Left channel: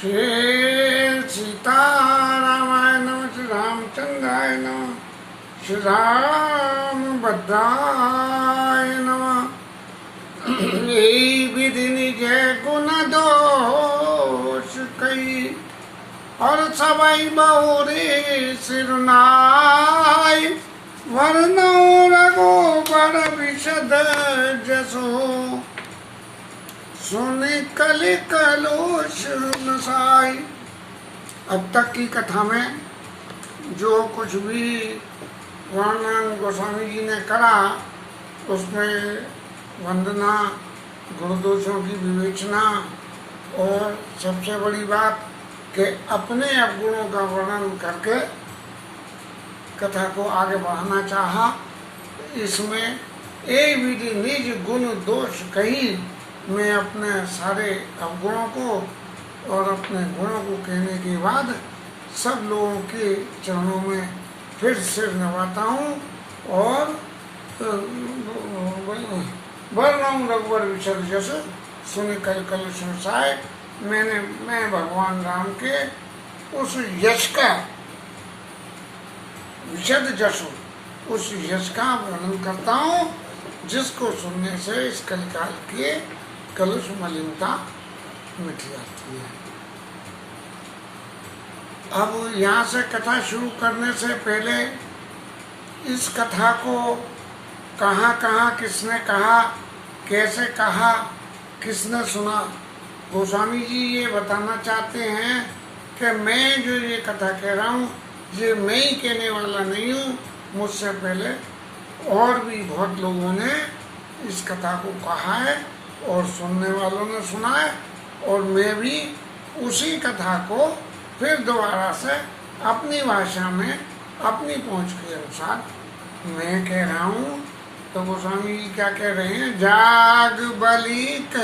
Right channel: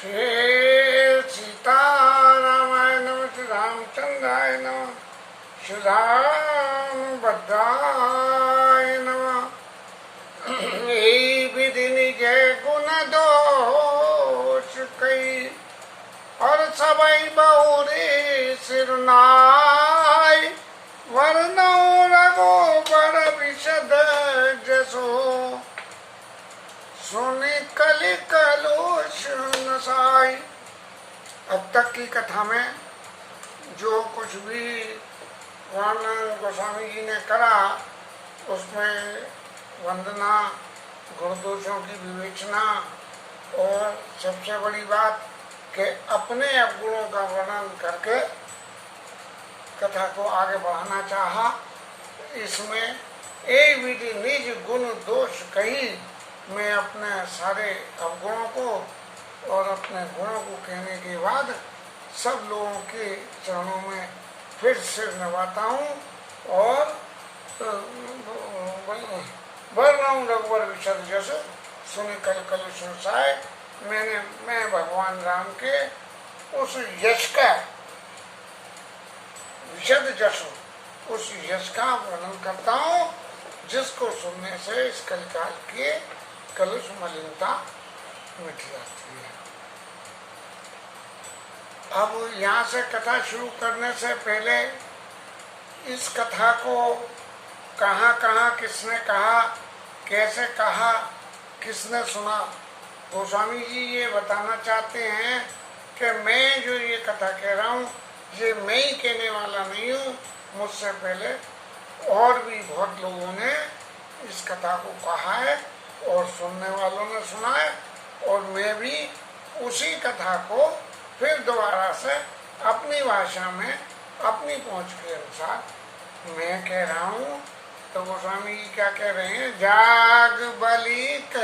श्री सीता रामाय नमः, श्री रामचंद्राय नमः, श्री रामभद्राय नमः। विधि निज गुण दोष कई, और सबई बहुरी सिरनाय। वर्णो रघुबर विशद जसो, सुनि कलि कलुष नसाई। अब तक की कथा में जो कुछ भी वर्णन गोस्वामी जी ने करा, उसमें वंदना, गुणदोषों की विवेचना और सबसे बड़ी बात कि अपने अवगुणों का वर्णन करके कथा को आगे बढ़ाना चाहा। इसमें एक विधि निज गुण दोष कही, मैं अपने सारे अवगुणों को और अपने गुणों को कहने के बाद सब लोगों के चरणों में फिर सिर नवाता हूँ और वर्णम रघुवर विशद जस, सुनि कल कल सुनसाय। मैं भगवान राम के उस यश का विशद जस, उस यश का वर्णन करता हूँ जिसको सुनने से इस कलिकाल के कलुष मलिनता मिट जाती है। अब यहाँ से कथा शुरू करने से पहले इस कथा को कहाँ कहाँ किसने कहा, कैसे कहा, किसने सुना, गोस्वामी जी ये बताना चाहते हैं कि मैं जो ये कथा कह रहा हूँ ये मैं ही कहने वाला नहीं हूँ। मुझसे पहले और भी बहुत लोगों ने इस कथा को कहा है और सुनने वालों ने सुना है, और मैं भी उसी कथा को फिर दोबारा से अपनी भाषा में अपनी पहुंच के अनुसार मैं कह रहा हूँ। तो गोस्वामी जी क्या कह रहे हैं? जाग बलिक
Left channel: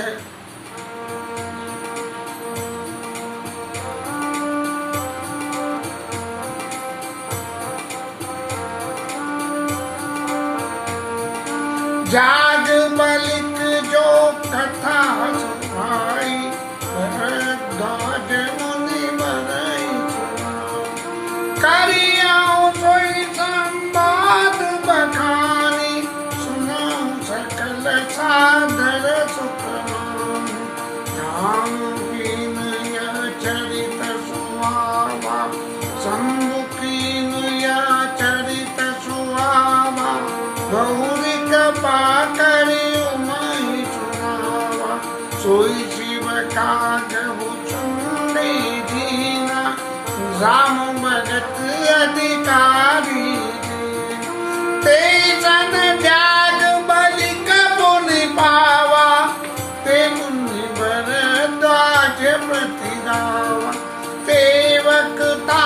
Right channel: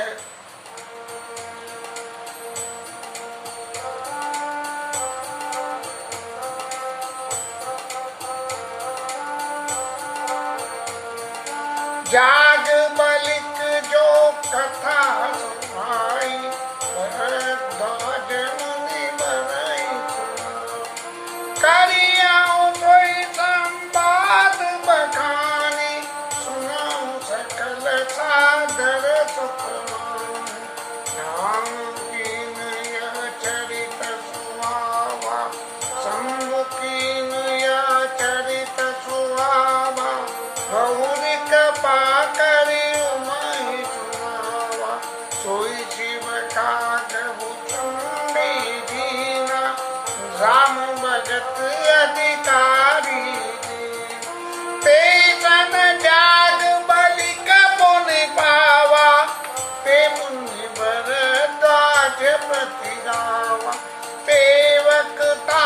जाग बलिक जो कथा सुनाई, भरद्वाज मुनि बनाई सुना। करियाऊं सोई संवाद बखानी, सुनाऊं सकल सादर सुख मानी। नाम कीन यह चरित सुहावा, शंभु कीन यह चरित सुहावा। गौरी कृपा करी उमहि सुनावा, सोई शिव कागहु चुंडी दीना। राम भगत अधिकारी ते सन जाग बलिक पुनि पावा। ते मुनि भरद्वाज प्रति गावा, ते वक्ता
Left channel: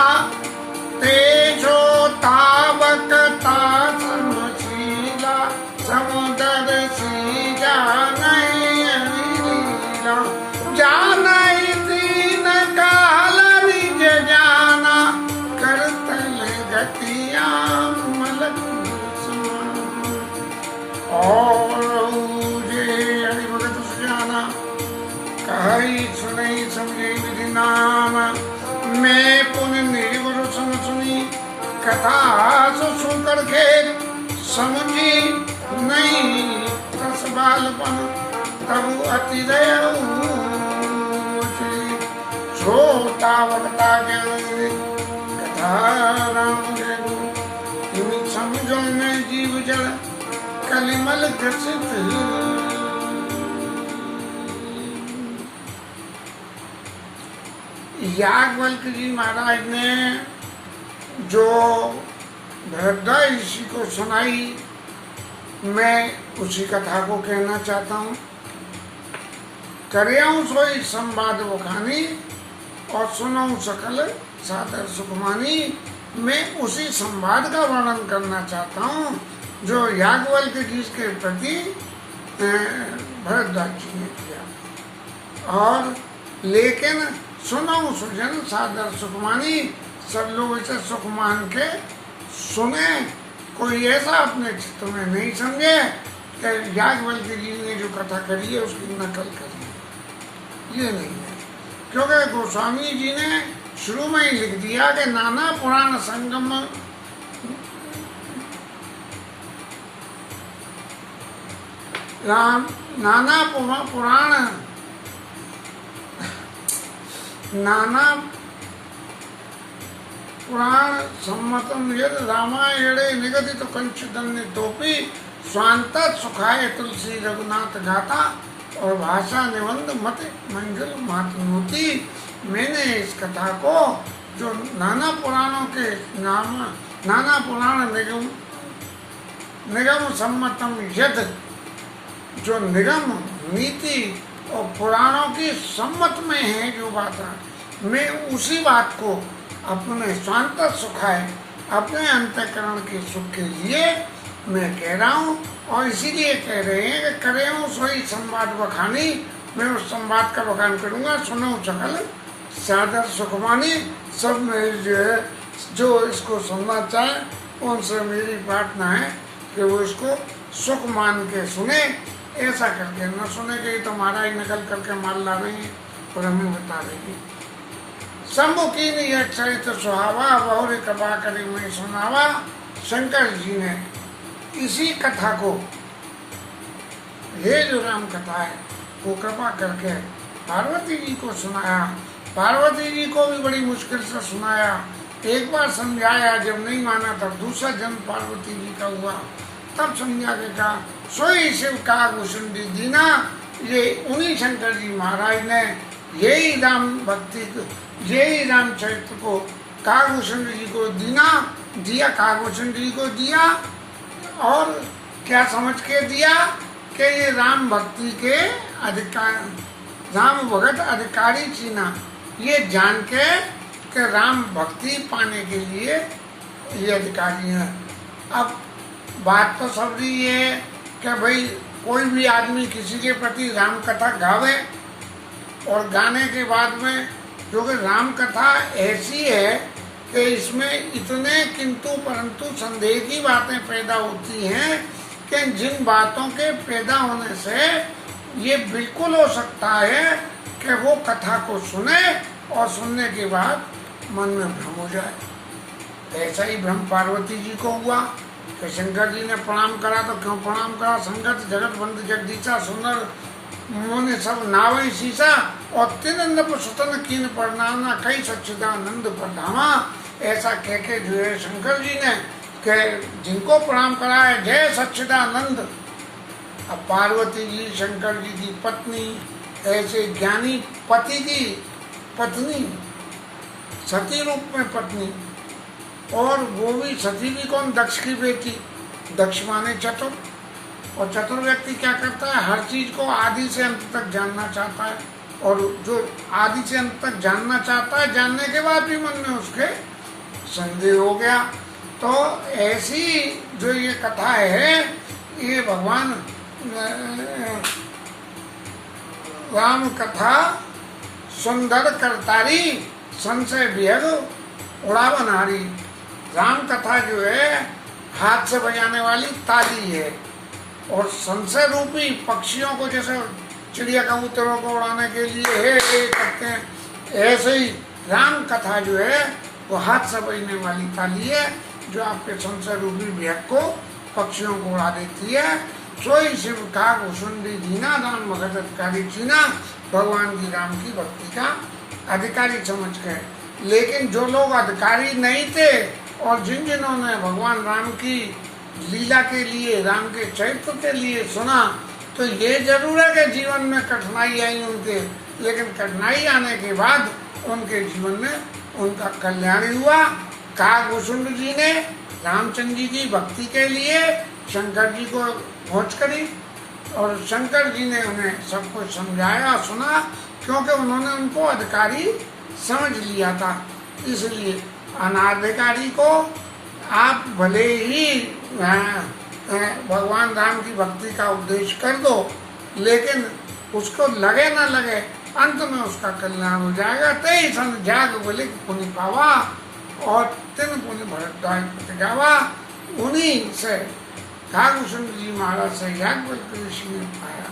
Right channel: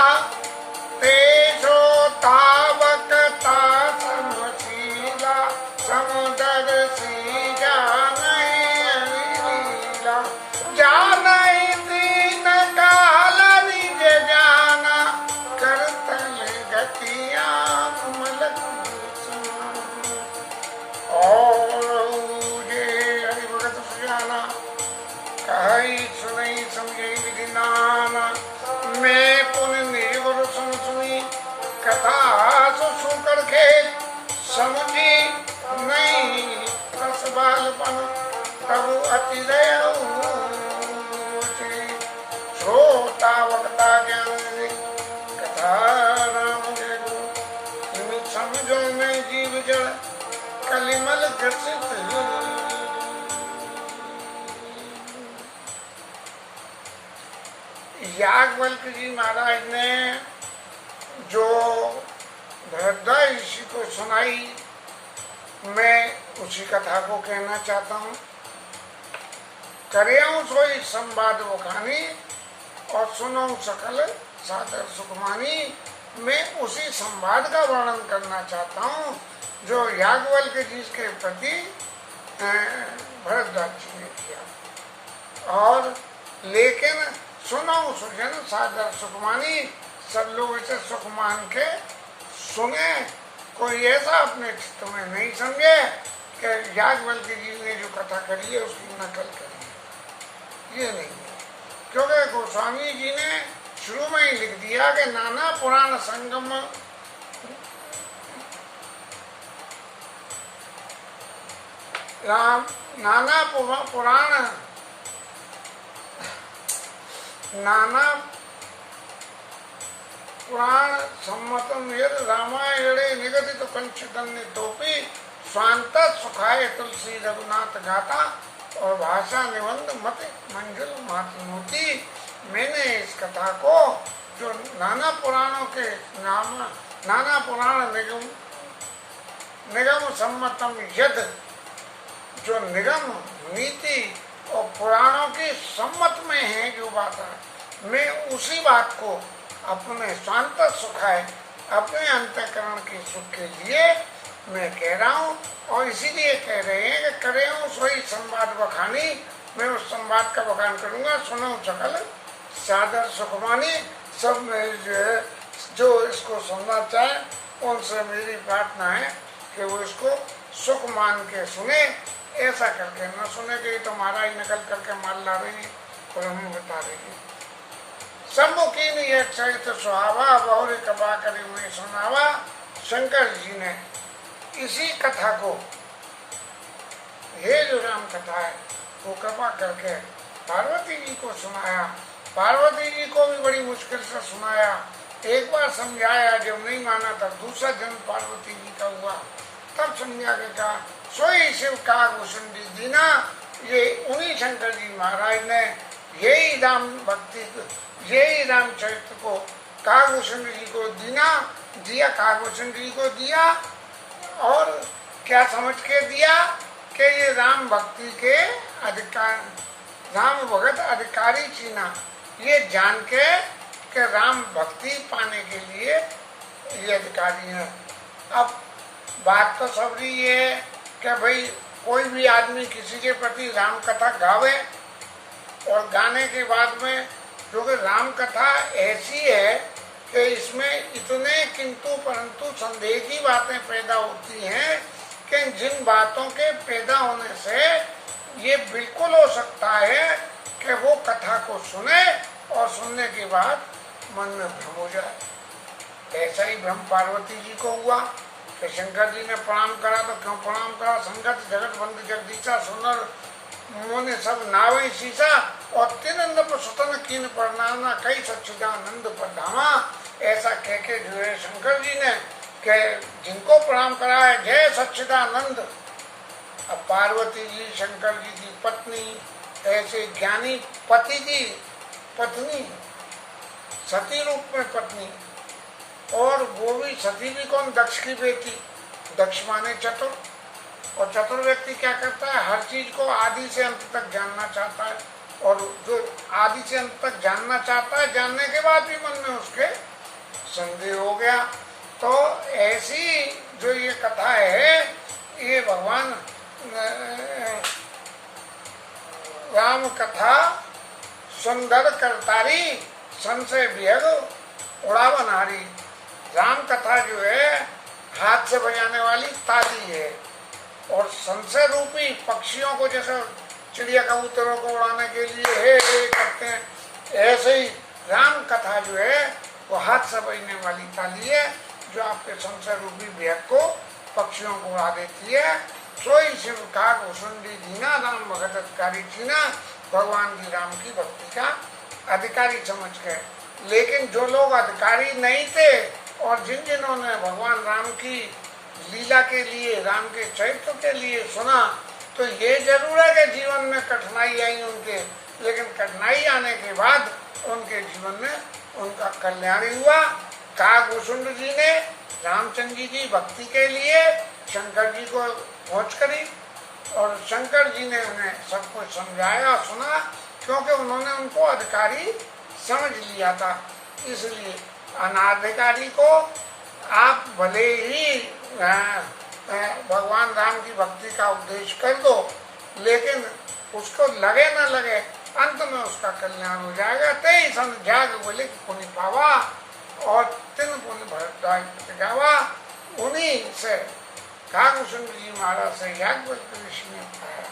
ते श्रोता वक्ता समशीला। समुदर सी जानई लीला, जानई दीन काल निज जाना। करतल गतिया मलक समान, और जे हरि भगत सुजाना। कही सुनई समझे विधि नाना, मैं पुण्य निर्भर सुन सुनी। कथा सुकर के समझी नहीं, तस बालपन तब अति दयालु। श्रोता वक्ता ज्ञान कथा राम जगु। समझो में जीव जड़ कलिमल ग्रसित। याज्ञवल्क्य जी महाराज ने जो भरद्वाज ऋषि को सुनाई, मैं उसी कथा को कहना चाहता हूँ। करियाऊं सोई संवाद बखानी, और सुनाऊं सकल सादर सुखमानी। मैं उसी संवाद का वर्णन करना चाहता हूँ जो याज्ञवल्क्य जी के प्रति भरद्वाज जी ने किया। और लेकिन सुनाऊं सुजन सादर सुखमानी, सब लोग इसे सुख मान के सुने। कोई ऐसा अपने चित्त में नहीं समझे कि याज्ञवल्क्य जी ने जो कथा करी है उसकी नकल करी है, ये नहीं है। क्योंकि गोस्वामी जी ने शुरू में ही लिख दिया कि नाना पुराण संगम राम नाना पुराण सम्मतम यद रामायणे निगदित कंचितोपि स्वांत सुखाय तुलसी रघुनाथ गाथा और भाषा निबंध मत मंजुल मातनोती। मैंने इस कथा को जो नाना पुराणों के नाना पुराण निगम सम्मतम यद, जो निगम नीति और पुराणों की सम्मत में है जो बात है, मैं उसी बात को अपने स्वांत सुखाए, अपने अंतःकरण के सुख के लिए मैं कह रहा हूँ। और इसीलिए कह रहे हैं कि करे हूँ सोई संवाद बखानी, मैं उस संवाद का बखान करूंगा। सुनो सकल सादर सुखमानी, सब में जो इसको सुनना चाहे उनसे मेरी प्रार्थना है कि वो इसको सुख मान के सुने, ऐसा करके न सुने कि तो महाराज नकल करके माल लावेंगे और हमें बता देंगे। सम्मुखी ने चरित्र सुहावा बहुरी कृपा करी मैं सुनावा। शंकर जी ने इसी कथा को, ये जो राम कथा है, वो कृपा करके पार्वती जी को सुनाया। पार्वती जी को भी बड़ी मुश्किल से सुनाया, एक बार समझाया, जब नहीं माना तब दूसरा जन्म पार्वती जी का हुआ, तब समझा के कहा सोई शिव का भूषण दीना। ये उन्हीं शंकर जी महाराज ने यही राम भक्ति को, यही रामचरित्र को कागभूषण जी को दिया, कागभूषण जी को दिया। और क्या समझ के दिया कि ये राम भक्ति के अधिकार, राम भगत अधिकारी चीना, ये जान के कि राम भक्ति पाने के लिए ये अधिकारी है। अब बात तो सब रही है कि भाई कोई भी आदमी किसी के प्रति राम कथा गावे, और गाने के बाद में, क्योंकि राम कथा ऐसी है कि इसमें इतने किंतु परंतु संदेह की बातें पैदा होती हैं कि जिन बातों के पैदा होने से ये बिल्कुल हो सकता है कि वो कथा को सुने और सुनने के बाद मन में भ्रम हो जाए। ऐसा ही भ्रम पार्वती जी को हुआ कि शंकर जी ने प्रणाम करा तो क्यों प्रणाम करा, संगत जगत बंद जगदीशा सुंदर मोने सब नावई शीशा, और तिन सुतन कीन परनाना कई सच्चिदानंद प्रधामा। ऐसा कह के जो है शंकर जी ने के जिनको प्रणाम करा है, जय सच्चिदानंद। अब पार्वती जी शंकर जी की पत्नी, ऐसे ज्ञानी पति की पत्नी, सती रूप में पत्नी, और वो भी सती भी कौन, दक्ष की बेटी। दक्ष माने चतुर, और चतुर व्यक्ति क्या करता है, हर चीज को आदि से अंत तक जानना चाहता है, और जो आदि से अंत तक जानना चाहता है, जानने के बाद भी मन में उसके संदेह हो गया। तो ऐसी जो ये कथा है, ये भगवान राम कथा सुंदर करतारी संशय विहग उड़ावनहारी। राम कथा जो है हाथ से बजाने वाली ताली है, और संशय रूपी पक्षियों को, जैसे चिड़िया कबूतरों को उड़ाने के लिए हे करते हैं, ऐसे ही राम कथा जो है वो हाथ से बजने वाली ताली है, जो आपके संशय रूपी भेद को, पक्षियों को उड़ा देती है। सोई शिव का घुसुंडी दीना, राम भगत अधिकारी चीना। भगवान की राम की भक्ति का अधिकारी समझ गए। लेकिन जो लोग अधिकारी नहीं थे और जिन्होंने भगवान राम की लीला के लिए, राम के चरित्र के लिए सुना, तो ये जरूर है कि जीवन में कठिनाई आई उनके, लेकिन कठिनाई आने के बाद उनके जीवन में उनका कल्याण हुआ। कागभूषुंड जी ने रामचंद्र जी की भक्ति के लिए शंकर जी को खोज करी, और शंकर जी ने उन्हें सब कुछ समझाया, सुना, क्योंकि उन्होंने उनको अधिकारी समझ लिया था। इसलिए अनाधिकारी को आप भले ही भगवान राम की भक्ति का उपदेश कर दो, लेकिन उसको लगे न लगे, अंत में उसका कल्याण हो जाएगा। तेई सन जाग बोले पुनि पावा, और तीन पुनि भरद्वाज प्रतिगावा। उन्हीं से कागभूषण जी महाराज से याज्ञवल्क्य ऋषि ने पाया,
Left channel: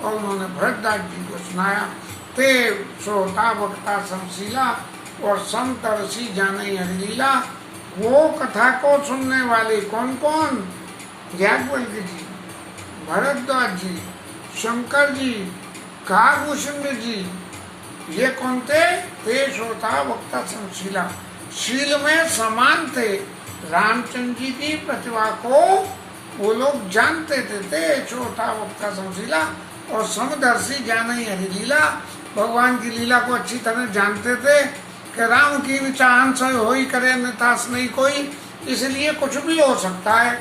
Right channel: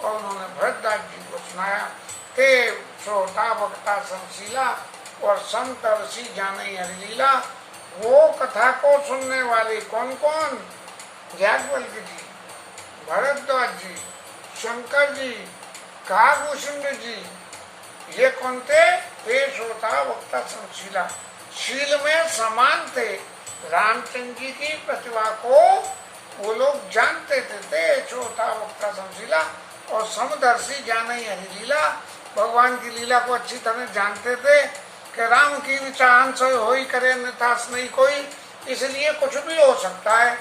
और उन्होंने भरद्वाज जी को सुनाया। ते श्रोता वक्ता समशीला और समतरसी जाने हरिलीला। वो कथा को सुनने वाले कौन कौन? याज्ञवल्क्य जी, भरद्वाज जी, शंकर जी, काकभूषण जी, ये कौन थे? वे श्रोता वक्ता समशीला, शील में समान थे। रामचंद्र जी की प्रतिभा को वो लोग जानते थे श्रोता वक्ता समशीला और समदर्शी जाने हरिलीला। भगवान की लीला को अच्छी तरह जानते थे कि राम की विचार से हो ही करे नितास नहीं कोई, इसलिए कुछ भी हो सकता है।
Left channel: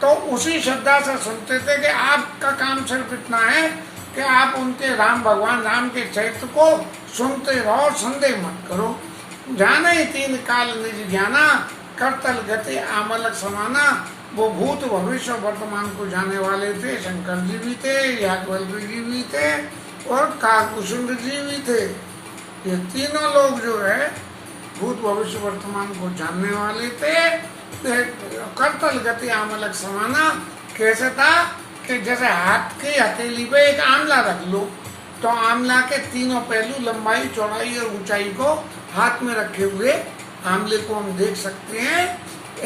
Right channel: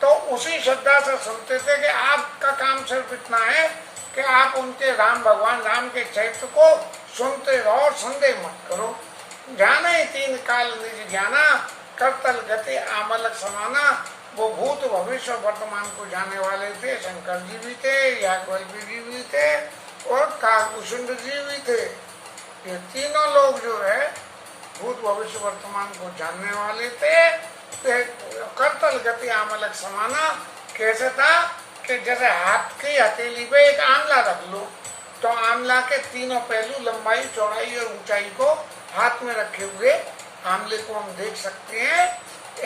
तो उसी श्रद्धा से सुनते थे कि आपका काम सिर्फ इतना है कि आप उनके राम भगवान राम के चरित्र को सुनते रहो, संदेह मत करो। जाने तीन काल निज ज्ञाना, करतल गति आमलक समाना। वो भूत भविष्य वर्तमान को जाने वाले थे। शंकर जी भी थे, याज्ञवल्क्य जी भी थे और काकभूषण जी भी थे। ये तीनों लोग जो है भूत भविष्य वर्तमान को जानने वाले थे। करतल गति आमलक समाना कैसे था कि जैसे हाथ की हथेली पे एक आंवला रख लो तो आंवला के तीनों पहलू लंबाई, चौड़ाई और ऊंचाई को हाथ में रखे हुए आंवले को हम देख सकते हैं।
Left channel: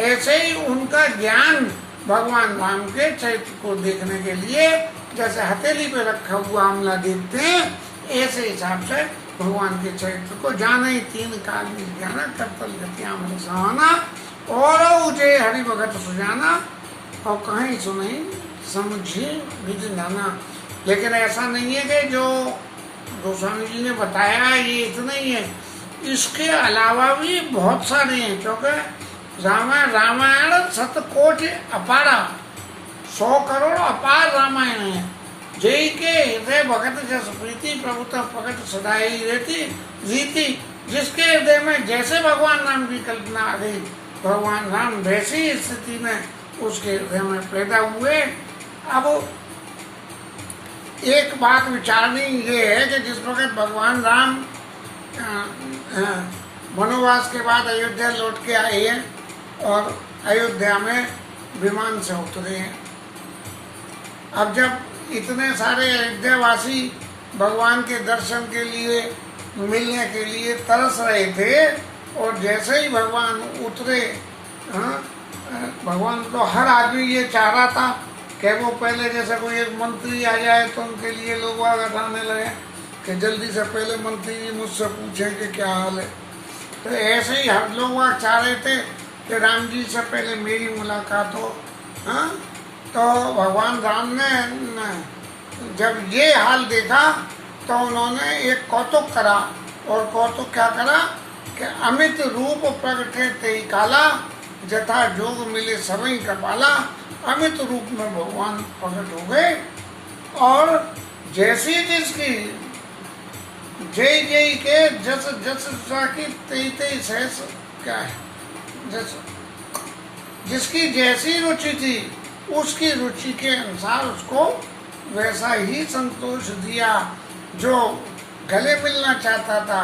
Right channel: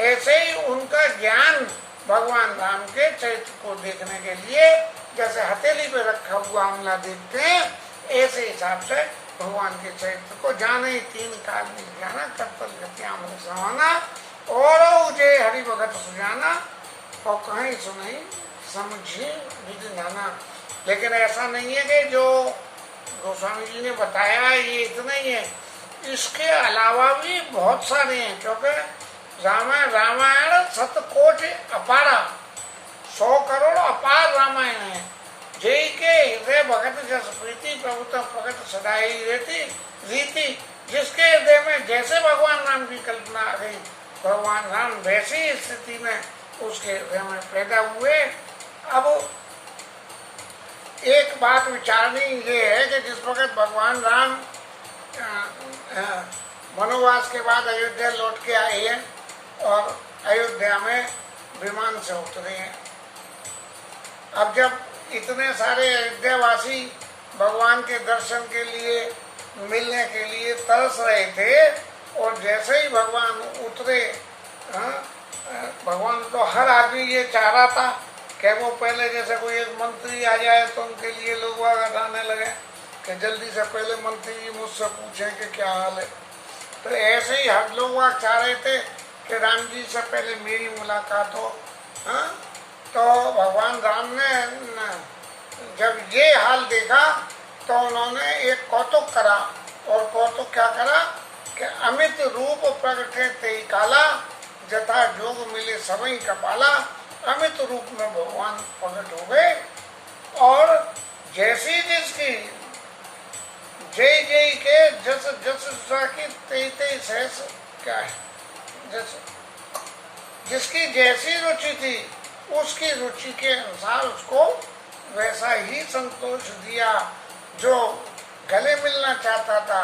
ऐसे ही उनका ज्ञान भगवान राम के चरित्र को देखने के लिए जैसे हथेली पे रखा हुआ आंवला देखते हैं, ऐसे हिसाब से भगवान के चरित्र को जाने तीन काल में जाना, करतल गति आमलक समाना और उजे हरि भगत सुजाना और कहीं सुनई समझी विधि नाना। लेकिन ऐसा नहीं है कि जो गोस्वामी जी ने बताया ये इतना ही है, इसके अलावा भी बहुत सारे हैं। क्योंकि रामायण शतकोटि अपारा, 100 करोड़ अपार रामायण है। जय के हृदय भगत जस प्रीति, प्रभुता प्रगट सदाई रहती रीति। जिसके हृदय में जैसे भगवान राम की कल्पना आ गई, भगवान राम वैसी स्थिति में उसके हृदय में पैदा हुए। अब एक बात विचारनी ये है कि जिस वक्त भगवान राम वनवास के बाद अयोध्या लौट के आए हैं और अयोध्या में विमान से उतरे हैं। अब जब इतने सारे अयोध्यावासी भगवान के दर्शन के लिए, मिलने के लिए तरस रहे थे और जैसे ही भगवान उतरे, भगवान तो हर आदमी ये चाह रहा था कि वो पहले जैसे कोई एक मंत्री आ जाए तो उनके लिए लोग आने लगे कि जल्दी से पहले मंत्री जी मुझसे पूछें कि क्या हाल है। तो ऐसे ही हर लोग चाह रहे थे कि राम जी से पहले मेरी मुलाकात हो। तो भगवान राम ने जब ये हाल देखा तो उन्होंने एक कौतुक करा। और कौतुक क्या करा कि अमित रूप प्रगटे ते काला, जथा जोग मिले सबई कपाला। अमित रूप में भगवान प्रकट हो गए और जैसी जिसकी जय जय के जस जस की तेई तेई सहस क्या है, जस जिसकी जैसी रुचि थी उसकी रुचि के अनुसार उसको वैसा ही संतोष दिया। जो गले मिलना चाहता था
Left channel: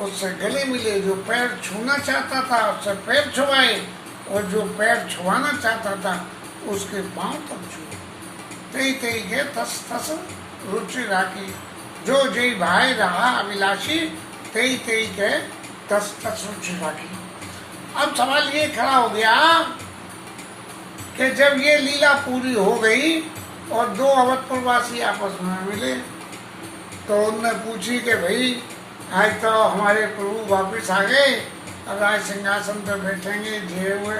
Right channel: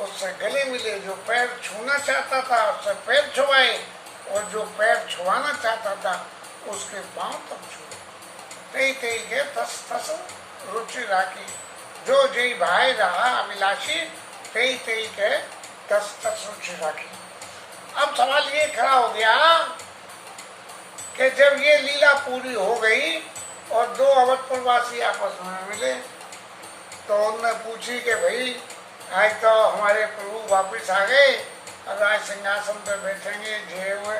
उससे गले मिले, जो पैर छूना चाहता था उससे पैर छुआए और जो पैर छुआना चाहता था उसके पांव तक छुए। तई तई के तस तस रुचि राखी, जो जय भाई रहा अभिलाषी, तई तई के तस तस रुचि राखी। अब सवाल ये खड़ा हो गया कि जब ये लीला पूरी हो गई और दो अवधपुरवासी आपस में मिले तो उनने पूछी कि भाई आज तो हमारे प्रभु वापिस आ गए, अब आज सिंहासन पर बैठेंगे जे हुए।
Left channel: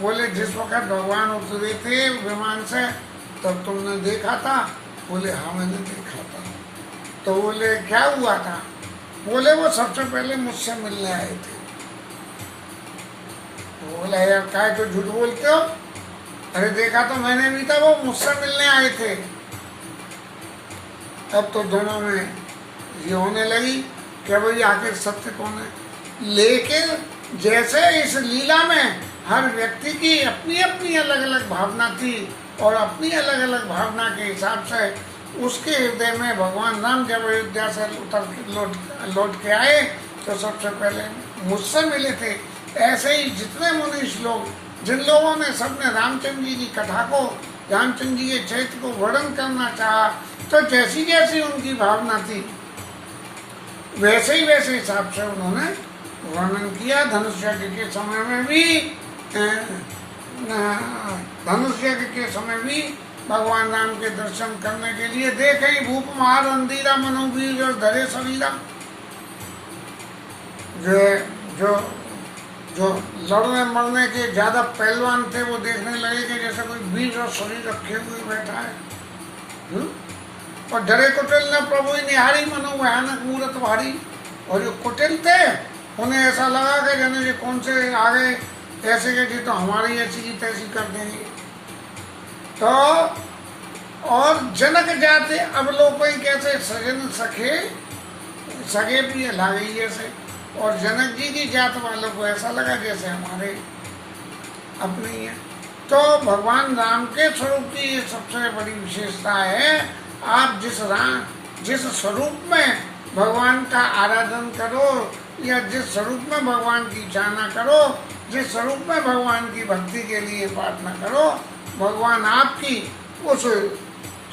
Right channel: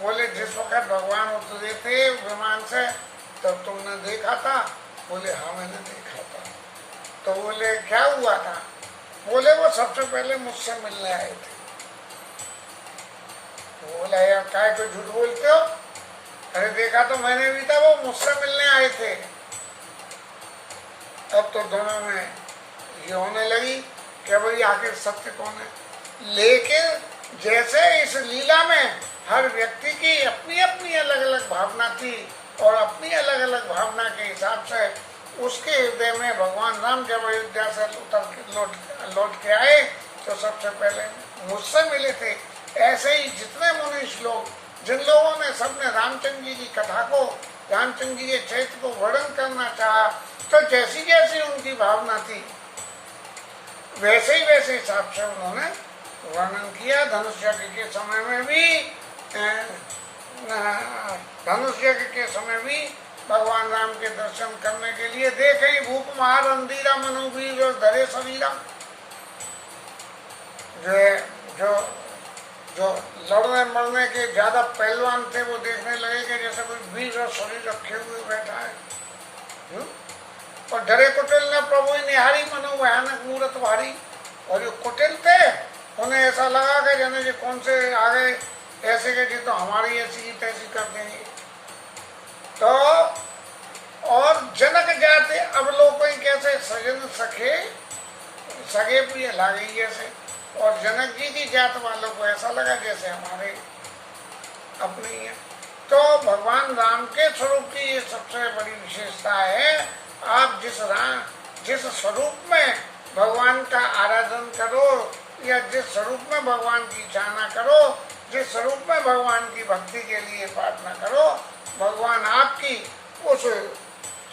बोले जिस वक्त भगवान उतरे थे विमान से तो तुमने देखा था? बोले हाँ मैंने देखा था। तो बोले क्या हुआ था? बोले वो सबसे पहले मुझसे मिलने आए थे। बोला यार काय तो झूठ बोलते हो, अरे देखा तो मैंने भी था, वो मुझसे मिलने आए थे। अब तो दोनों में ये होने लगी कि भाई आखिर सत्य कौन है। लेकिन जैसे इस लीला में हर व्यक्ति की अपनी अपनी अलग अलग भावना थी और अपनी अलग अलग भावना के हिसाब से उसके हृदय में भगवान राम जब अयोध्या से लौट के आए तो सबसे पहले मुझसे मिले थे। ऐसे ही जितने मनुष्य लोग, जिन लोगों ने सबने रामचंद्र जी की कथा को, रामचंद्र जी के चरित्र को वर्णन करना चाहा, तो जैसी जैसी उनकी भावना थी वैसे हिसाब से उन्होंने वर्णन किया। धनुष यज्ञ के समय में भी धनुष यज्ञ के समय भी भगवान राम के दर्शन करने के लिए देखे भूप महार अंधीरा मनोवीर और धरे शरीरा। जो लड़ने मरने के ज्यादा पहलवान थे वो देखने लगे कि जैसे कोई वीर और शरीर रखे हुए बैठा है। और डरे कुटिल न प्रभु निहारी मनो भयानक मूर्त भारी। और जो कुटिल थे उन्हें ऐसा लगा कि जाने जी कौन से आगे ऐसे के जी तो हमारी ऐसी की तैसी कर देंगे। तो और जनक जाते अब लोग कैसे सजन सगे प्रिय लागे ऐसे। और जनक जी की जात वालों को ऐसा लगा जैसे हमारे अपने ही है। तो भगवान राम के स्वरूप की ये सबसे बड़ी विशेषता है। आप जिस स्वरूप में भगवान का आराधन करो या जिस स्वरूप में भगवान की चाहना करो, जिस स्वरूप में भगवान की भक्ति के लिए प्रार्थना करो, भगवान आपकी उस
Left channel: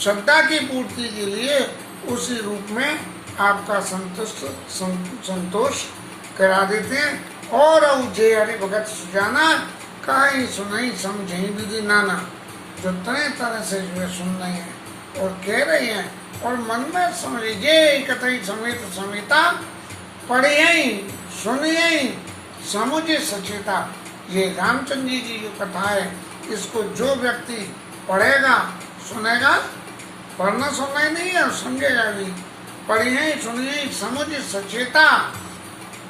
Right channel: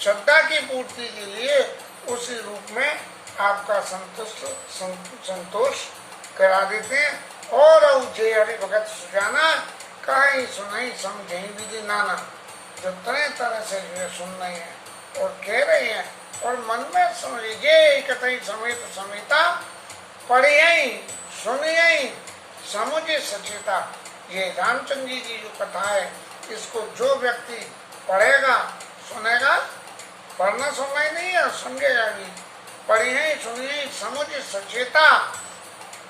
श्रद्धा की पूर्ति के लिए उसी रूप में आपका संतोष करा देते हैं। और जे हरि भगत सुजाना कहीं सुनाई समझे विधि नाना। जो तरह तरह से जो है सुन रहे हैं और कह रहे हैं और मन में समझिए कतई समेत समेता पढ़िए सुनिए समुझे सचेता। ये रामचंद्र जी की जो कथा है इसको जो व्यक्ति पढ़ेगा सुनेगा, पढ़ना सुनना ही नहीं है समझेगा भी, पढ़िए सुनिए समुझे सचेता।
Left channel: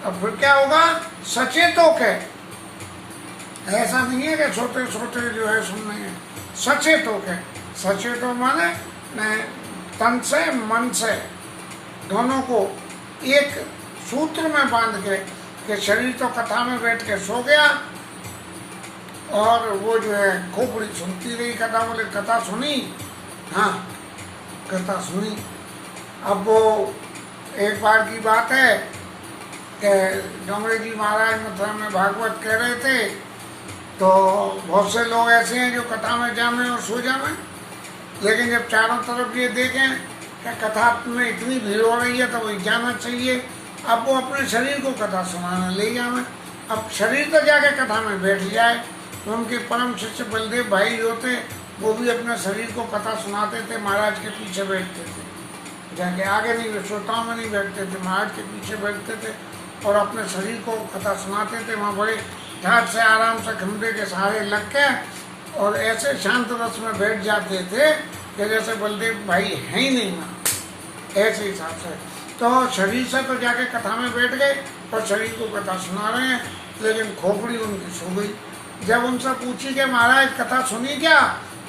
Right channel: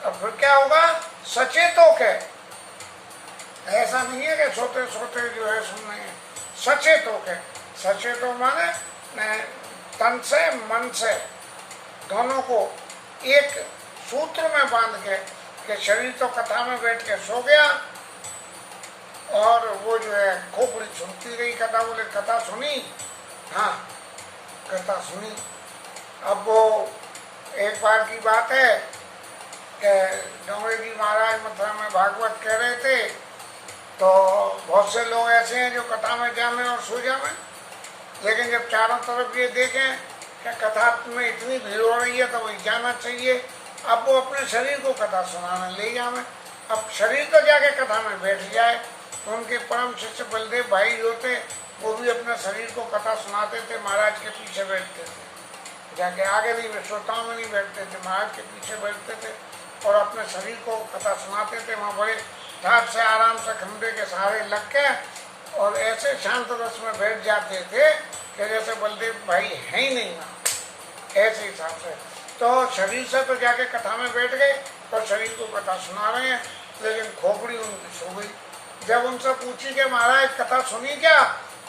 अब फिर क्या होगा? सचेतों के ऐसा नहीं है कि सोते सोते जो है सुनने हैं, सचेतों के। सचेतों माने तन से मन से दोनों को एक सूत्र में बांध के कि शरीर तो कथा में बैठ के सो गया और वो जो है खोपड़ी सुनती रही कथा। बोले कथा सुनी, हाँ कथा सुनी। अब वो एक बार की बात है कि डोंगरे जी महाराज मथुरा में भागवत कह रहे थे तो बहुत से लोग ऐसे हैं जो कथा में जामे और सो जामे। लेकिन जब चारों तरफ ये देखें कि कथा में इतनी भीड़ हो रही है तो वही जाना चाहिए। अब वो अपने शरीर को कथा सुनाने ले जामे। अब शरीर तो जाके कथा में बैठ जाए। उनके परम शिष्य बलदेव भाई जो थे वो भी अपने शरीर को कथा सुनाते थे, महाराज के पीछे बैठते थे, जाके आगे नहीं श्रोताओं में नहीं बैठते थे, महाराज के पीछे बैठते थे और अपने शरीर को कथा सुनाते थे। वहाँ बड़े ठाट से आराम से खंबे के सहारे लग के और ऐसे शांत रस में बैठ जाते थे कि जैसे बलदेव भाई है ही नहीं ना, ऐसे हिसाब से। तो शरीर से तो जाके कथा में बैठ गए और शरीर को कथा सुना रहे हैं, लेकिन खोपड़ी उनकी सो गई। जब उनसे पूछी कि महाराज कथा सुनी क्या?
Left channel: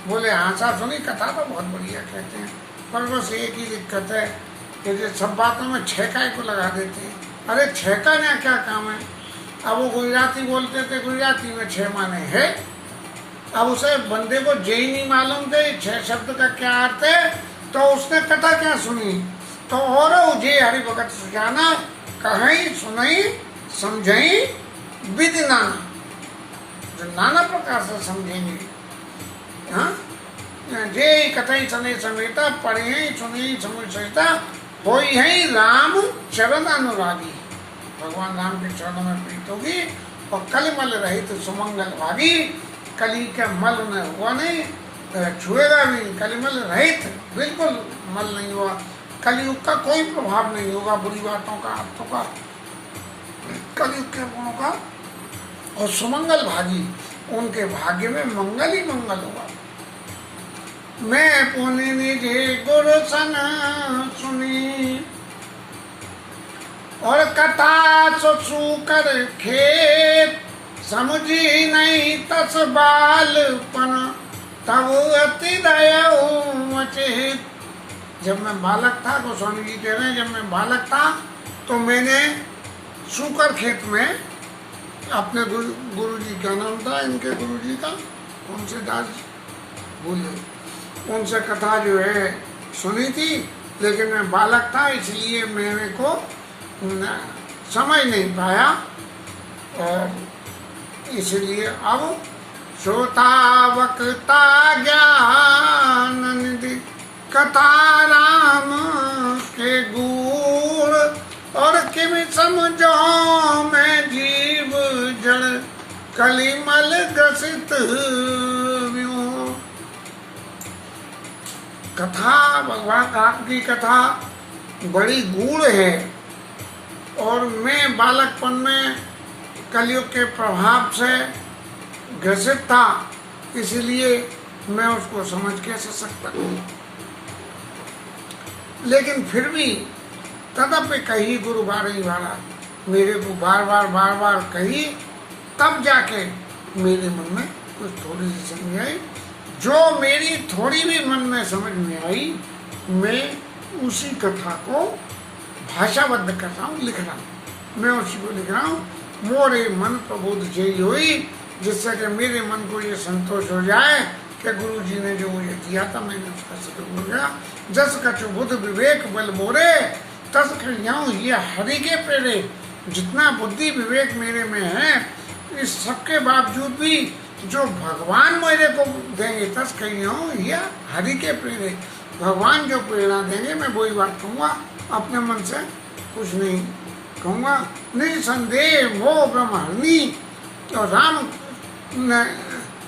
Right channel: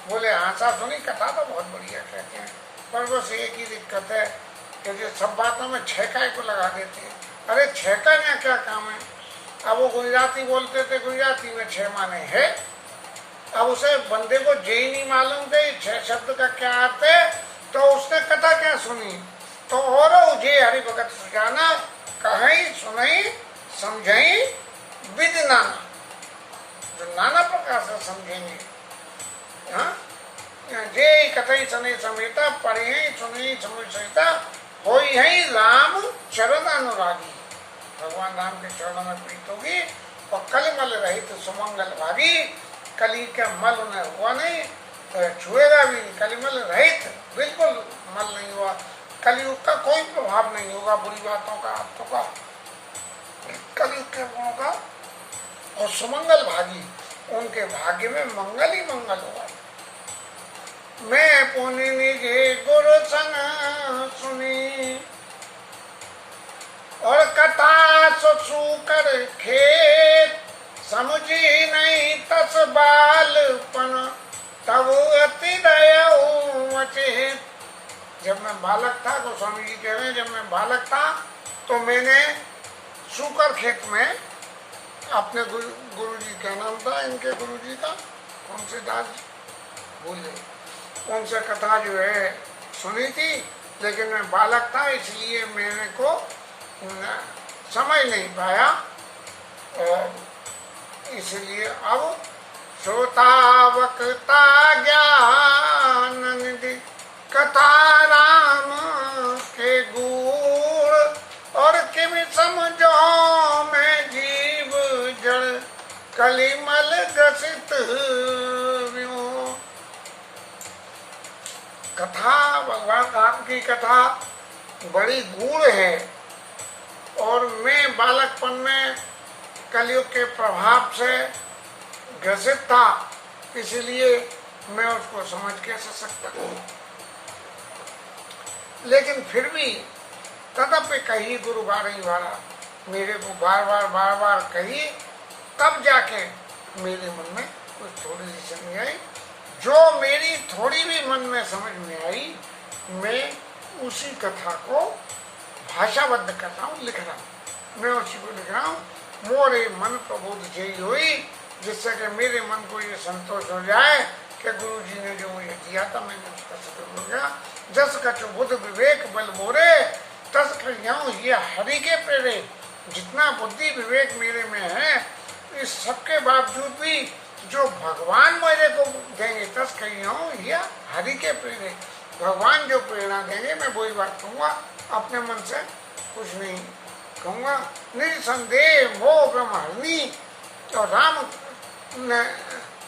बोले हाँ सा सुनी, कथा तो बहुत बढ़िया कहते हैं, पर बस एक ही दिक्कत है कि जो सब बातों में छेका को लगा देते हैं। अरे छेका ना क्या काम है? अब वो गुजराती बोलते थे, गुजराती में 6 माने है। अब उसे बंदे को जे ही नहीं मालूम थे 6 शब्द का क्या अर्थ है, तो उसने कथा क्या सुनी? तो और जे हरि भगत सुजाना कहीं सुनई समझई विधि नाना। जो नाना प्रकार से समझेंगे, हाँ जे कथई सने समेता पढ़े सुने समझ सहिता हो है राम चरण अनुरागी। भगवान राम के चरणों में प्रीत होगी और कलिमल रहित सुमंगल भागी। कली का मल उन्हें हुआ नहीं, छुएगा भी। कलिमल रहित, बिल्कुल मल नहीं हुआ। कलयुग का कोई प्रभाव नहीं होगा बुरी बातों का, आत्तों का, कलयुग के गुणों का। और सुमंगल भागी, उनके भाग्य में मंगल ही मंगल होगा। मैं पुनि निजे गुरु सन सुनी और कथा सु कर खेत समझी नहीं तस बालपन तब अति दया मचेत। जब मैं बालक था, गोस्वामी जी कह रहे हैं, जब मैं बालक था तो मैंने सूकर खेत में अपने गुरु जी का नाम था, इनके गुरु जी का कौन से दास भूले, उनसे कथा जो है सुनी थी। लेकिन मैं बालक था इसलिए मेरे को समझ नहीं पाया और इसलिए अब श्रोता वक्ता ज्ञान निधि कथा राम के गुण और किम समझो मैं जीव जड़ कलिमल ग्रसित व्यों। कथा, भगवान राम की कथा बड़ी गूढ़ है और मैं बालकपन में कलयुग के प्रभाव से ग्रसित था, इसलिए मैं उसको समझ कैसे सकता हूँ। लेकिन फिर भी तदपि कही गुरु बारही वाला, मेरे को बार बार कही, तब जाके मेरे मन में कुछ थोड़ी सी समझ आई। जो मेरी थोड़ी भी मन में समझ में आई, मैं उसी कथा को भाषाबद्ध कर रहा हूँ, लिख रहा हूँ। मैं उसी को लिख रहा हूँ। मोरे मन प्रबोध जय हुई, जिससे कि मेरे मन को ये संतोष हो जाए कि गुरु जी ने जो मुझे दिया था मैंने उसका सदुपयोग हो गया। जस कछु बुद्ध विवेक बल मोरे, तस कहियाऊं ये हरि के प्रेरे। जितना बुद्धि विवेक मेरे में है, इस सबके बावजूद भी जो भगवान मेरे को देंगे, तस कहियाऊं ये हरि के प्रेरे। भगवान जो प्रेरणा देंगे मैं वही बात कहूँगा, अपने मन से कुछ नहीं कहूँगा। निसंदेह मोह ब्रह्महरणी, तो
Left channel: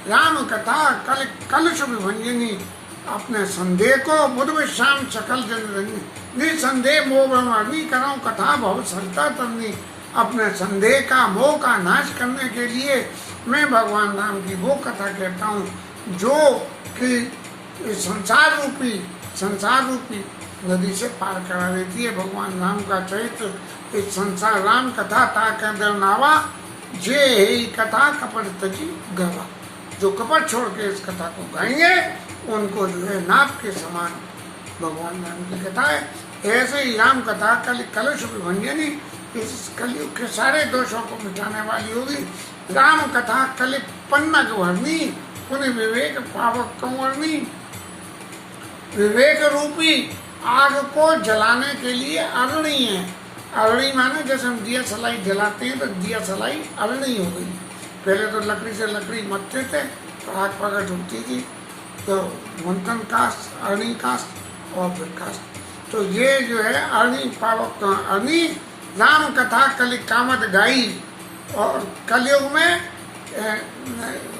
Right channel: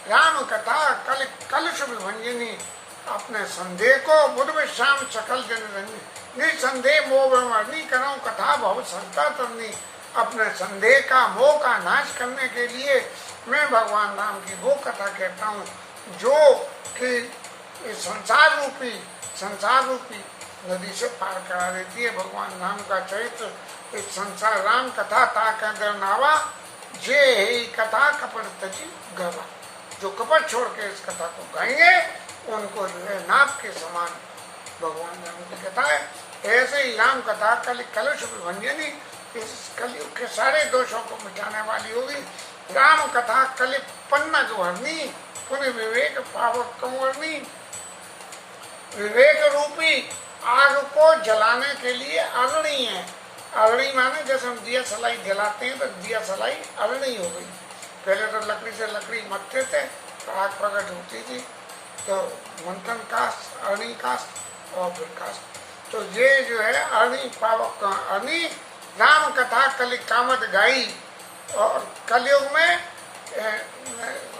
राम कथा कलुष विभंजनी। अपने संदेह को बुध विश्राम सकल जन रंजनी। निसंदेह मोह ब्रह्महरणी कराऊं कथा बहुत सरता तरनी। अपने संदेह का, मोह का नाश करने के लिए मैं भगवान राम की वो कथा कहता हूँ जो कि संसार रूपी नदी से पार करा देती है। भगवान राम का चरित्र, इस संसार राम कथा ताकि नावा, जे ही कथा कपट तजी गवा। जो कपट छोड़ के इस कथा को गाएंगे उनको जो है नाव के समान भगवान राम की कथा है। ऐसे ही राम कथा कलुष विभंजनी, इस कलयुग के सारे दोषों को मिटाने वाली होगी। राम कथा कलि पन्नग भरनी, पुण्य विवेक पावक कंवरनी। विवेक रूपी आग को जलाने के लिए अग्नि है। अग्नि माने जैसे हम दिया सलाई जलाते हैं, तो दिया सलाई अग्नि हो गई। पहले तो लकड़ी से लकड़ी मथते थे तो आग प्रकट होती थी, तो मंथन कास्ट, अग्नि कास्ट और फिर कास्ट। तो ये जो है अग्नि पावक अग्नि। राम कथा कलि कामत गाई, और कलयुग में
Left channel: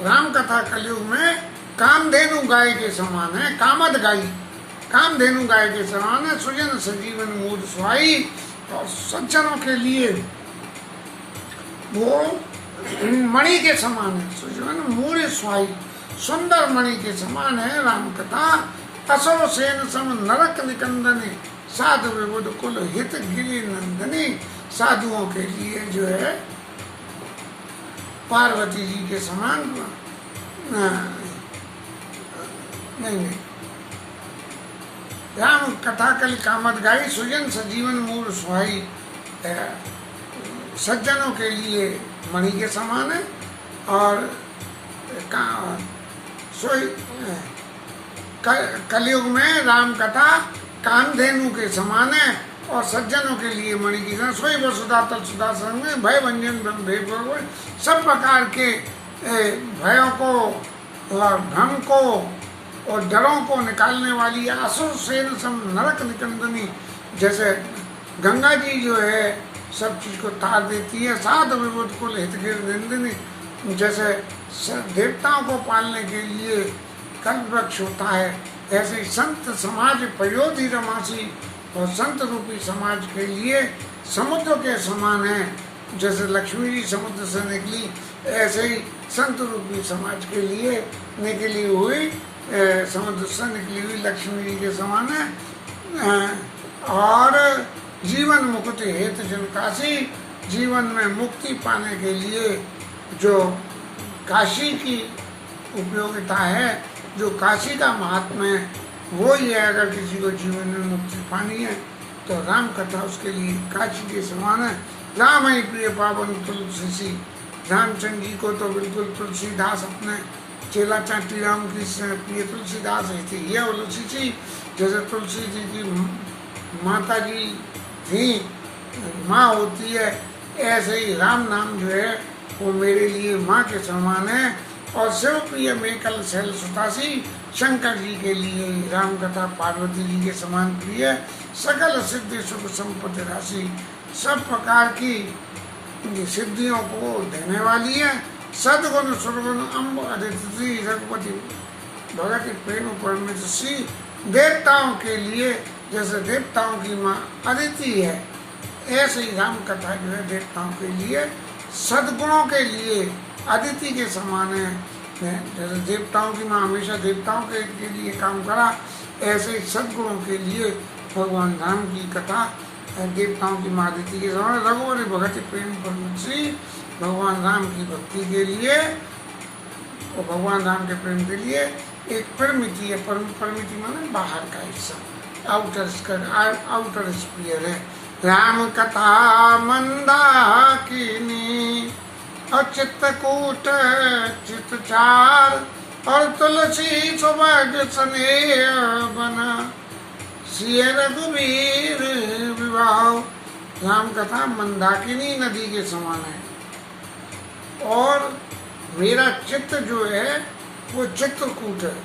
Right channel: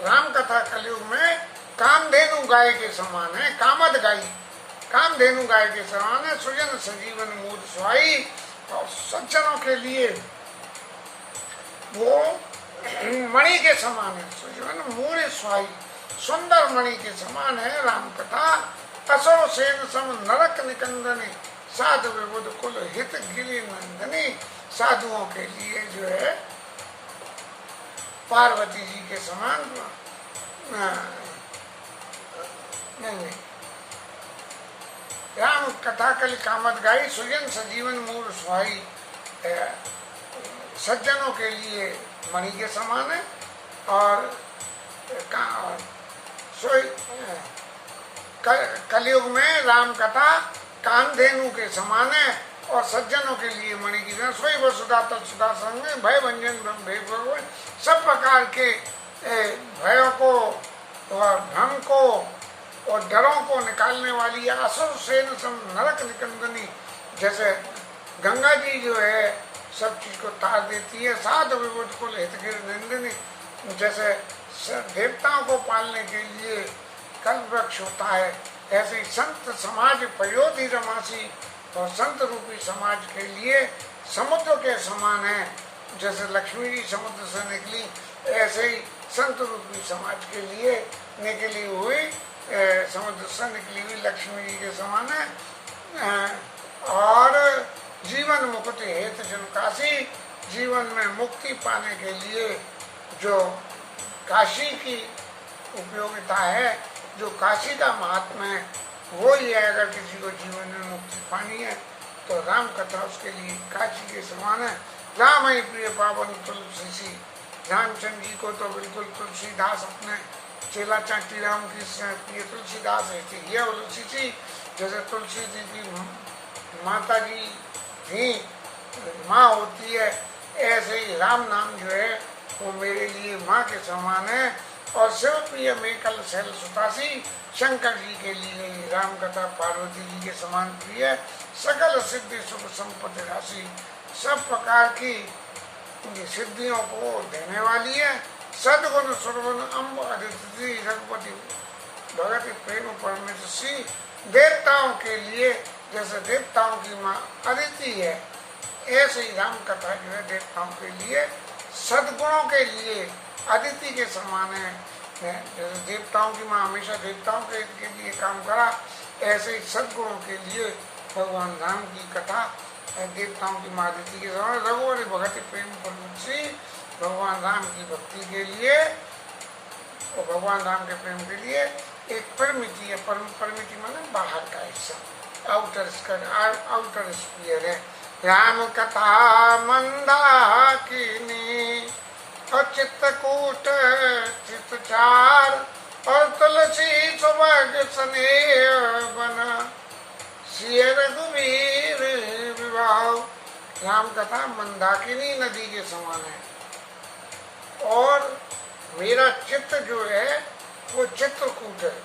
राम कथा कलयुग में कामधेनु गाय के समान है। कामत गाई, कामधेनु गाय के समान है। सुजन सजीवन मूड सुहाई, और सज्जनों के लिए वो मणि के समान है। सुजन मूड सुहाई, सुंदर मणि के समान है राम कथा। असो सेन सम नरक निकंदने, साधु विबुध कुल हित गिरि नंदनी। साधुओं के लिए जो है पार्वती जी के समान नहीं। राम कथा कल कामत गाई, सुजन सजीवन मूल सुहाई। सज्जनों के लिए मणि के समान है, और कलयुग में राम कथा कामधेनु के समान है, और सज्जनों के लिए मणि की समान। सोई वसुधा तत्सुधा संग में भय भंजन ब्रह्म भय भगवान। सब प्रकार के भयों को और भ्रम को और डरों को निकालने वाली असुर सेन सम नरक निकंदनी। जैसे गंगा जी जो है सब चीज को तार देती है। साध विबुध कुल हितगिर नंदिनी। जैसे देवताओं को पालने के लिए कल्प वृक्ष होता है, ऐसे ही संत समाज पयोधि रमासी, और संत रूपी समाज के लिए समुद्र के समान है। जैसे लक्ष्मी जी समुद्र से निकली, ऐसे ही संत रूपी समाज के लिए निकली हुई समुद्र से निकली हुई लक्ष्मी जी के समान है। और जीवन मुक्ति हेतु जन काशी, जीवन में मुक्ति पाने के लिए जो काशी की उपयोगिता है, जो काशी का महात्मा है, वो ही है। अगर किसी को जीवन में मुक्ति पानी है तो राम कथा उसके लिए काशी के समान है। राम ही प्रिय पावन तुलसी। रामचंद्र जी को तो बिल्कुल तुलसीदास अपने चेला चाटी राम की प्रिय तुलसीदास है। ये तुलसी जी, जैसे तुलसी जी की माता जी थी, माँ होती है, ऐसे ही राम नाम जो है वो मेरे लिए माँ के समान है। और शिव प्रिय में कल शैल सुतासी, शंकर जी के लिए राम कथा पार्वती जी के समान प्रिय। सकल सिद्धि सुख संपत्ति राशि, सब प्रकार की सिद्धियों को देने वाली है। सदगुण सुरगुण अम्ब अदिति रघुपति भगति प्रेम परमेश्वरी। देवताओं के लिए जैसे देवताओं की माँ अदिति है, ऐसे ही राम कथा जो है देवताओं के लिए सदगुणों के लिए अदिति के समान है। जैसे देवताओं की माँ हमेशा देवताओं के लिए काम करा, ऐसे ही सदगुणों के लिए भगवान राम की कथा देवताओं की माँ अदिति के समान। रघुवर भगति प्रेम परमेश्वरी, भगवान राम की भक्ति के लिए और भगवान राम के प्रेम के लिए एक परिमिति है। परिमिति माने बाहर का हिस्सा, आउटर स्पीयर है। राम कथा मंदाकिनी और चित्तकूट चित्तचार और तुलसी सुभग स्नेह बना सिय रघुवीर विवाह। राम कथा मंदाकिनी नदी के समान है और मेरा चित्त जो है वो चित्रकूट है।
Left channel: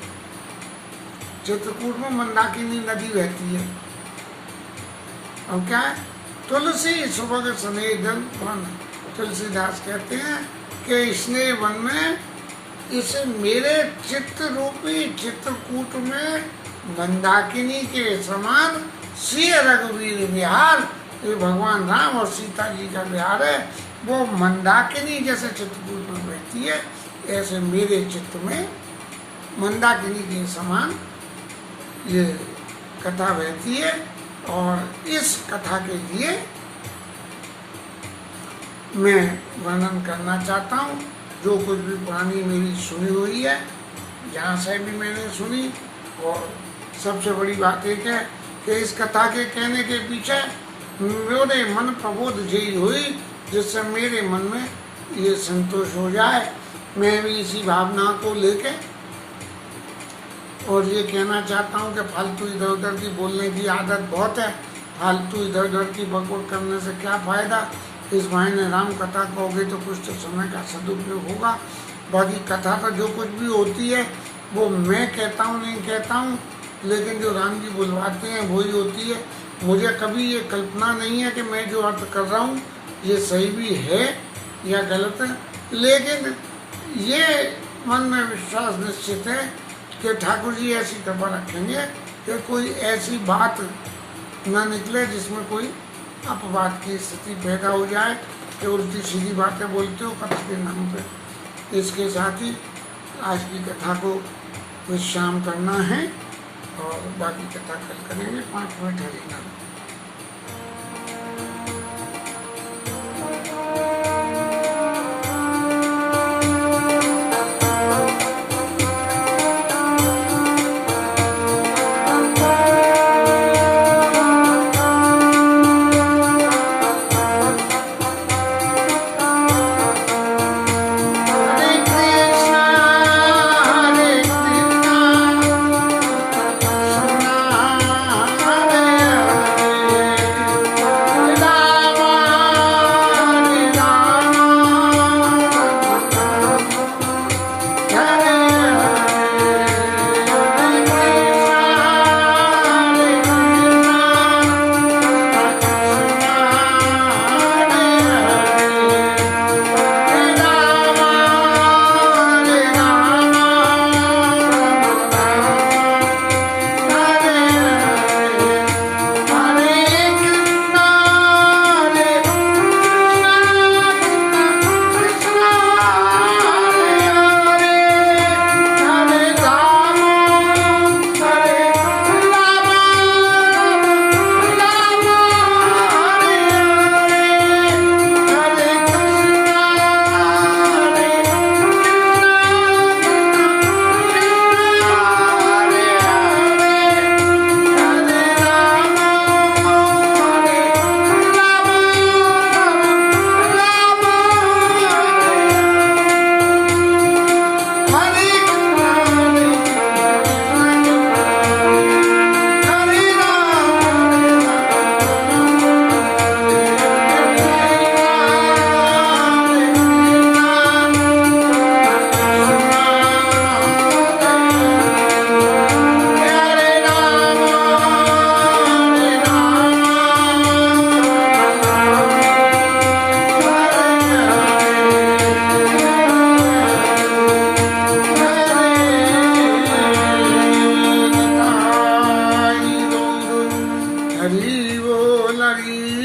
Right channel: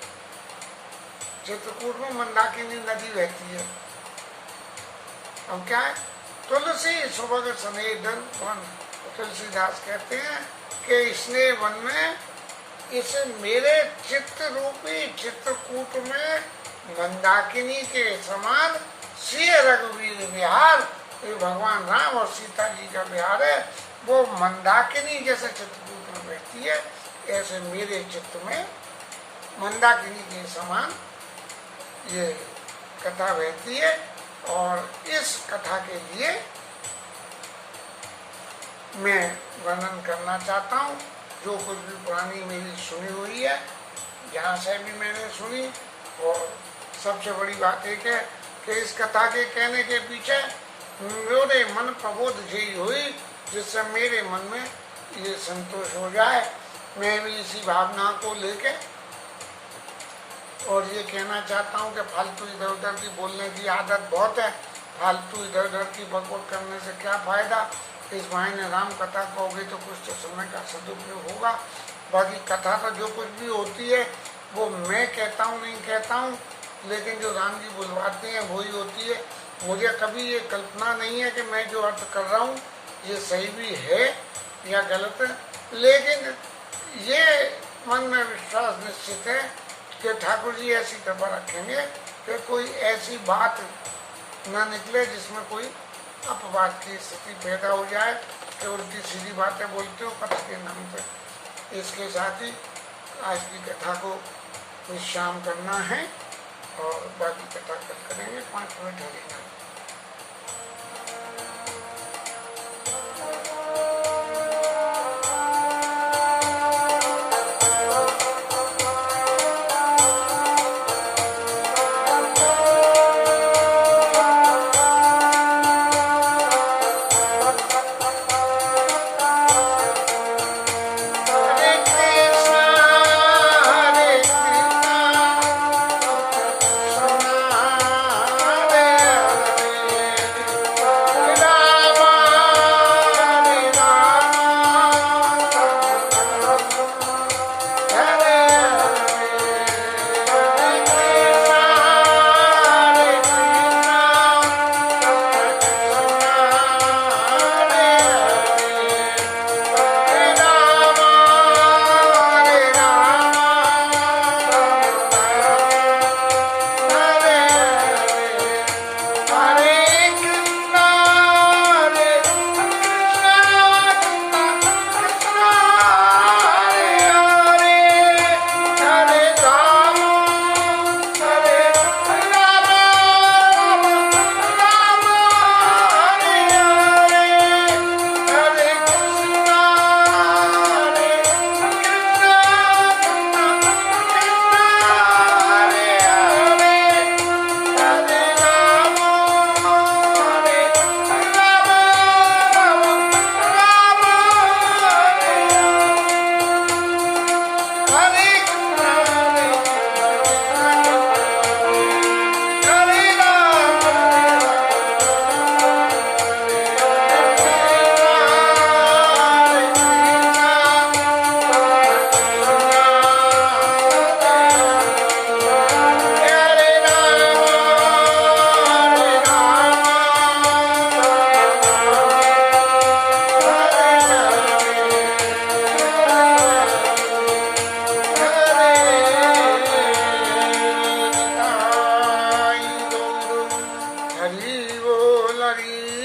चित्रकूट में मंदाकिनी नदी बहती है। और क्या है? तुलसी सुभग स्नेह वन। तुलसीदास कहते हैं कि स्नेह वन में इस मेरे चित्त रूपी चित्रकूट में मंदाकिनी के समान सिय रघुवीर विहार, ये भगवान राम और सीता जी का विहार है। वो मंदाकिनी जैसे चित्रकूट में बहती है, ऐसे मेरे चित्त में मंदाकिनी के समान ये कथा बहती है। और इस कथा के लिए मैं वर्णन करना चाहता हूँ जो कुछ भी पुरानी मेरी सुनी हुई है, जहाँ से भी मैंने सुनी। और सबसे बड़ी बात एक है कि इस कथा के कहने के पीछे मेरे मन प्रबोध यही हुई जिससे मेरे मन में ये संतोष हो जाए। मैं भी इसी भावना को लेके और ये कहना चाहता हूँ कि फालतू इधर उधर की बोलने की आदत बहुत है। फालतू इधर उधर की बकवास करने से क्या फायदा। इस बहाने राम कथा कहोगे तो कुछ तो समय का सदुपयोग होगा। बाकी कथा तो जो कुछ भी होती है वो मैं कहता हूँ नहीं कहता हूँ, लेकिन जो राम जी बुलवाते हैं वही होती है। मुझे कभी ये कल्पना नहीं है कि मैं जो अर्थ कर रहा हूँ ये सही भी है या गलत है, लेकिन ये मन में विश्वास निश्चित है कि ठाकुर जी ऐसी कृपा रखेंगे कि कोई ऐसी बात न निकले जिसमें कोई अपवाद की स्थिति पैदा हो जाए कि उल्टी सीधी बातें बोलते हो कथा के नाम पे। इसके साथ ही आज की कथा को विश्राम करना है और बाकी कथा कल करेंगे। 5 मिनट हरिनाम। हरि बोल हरि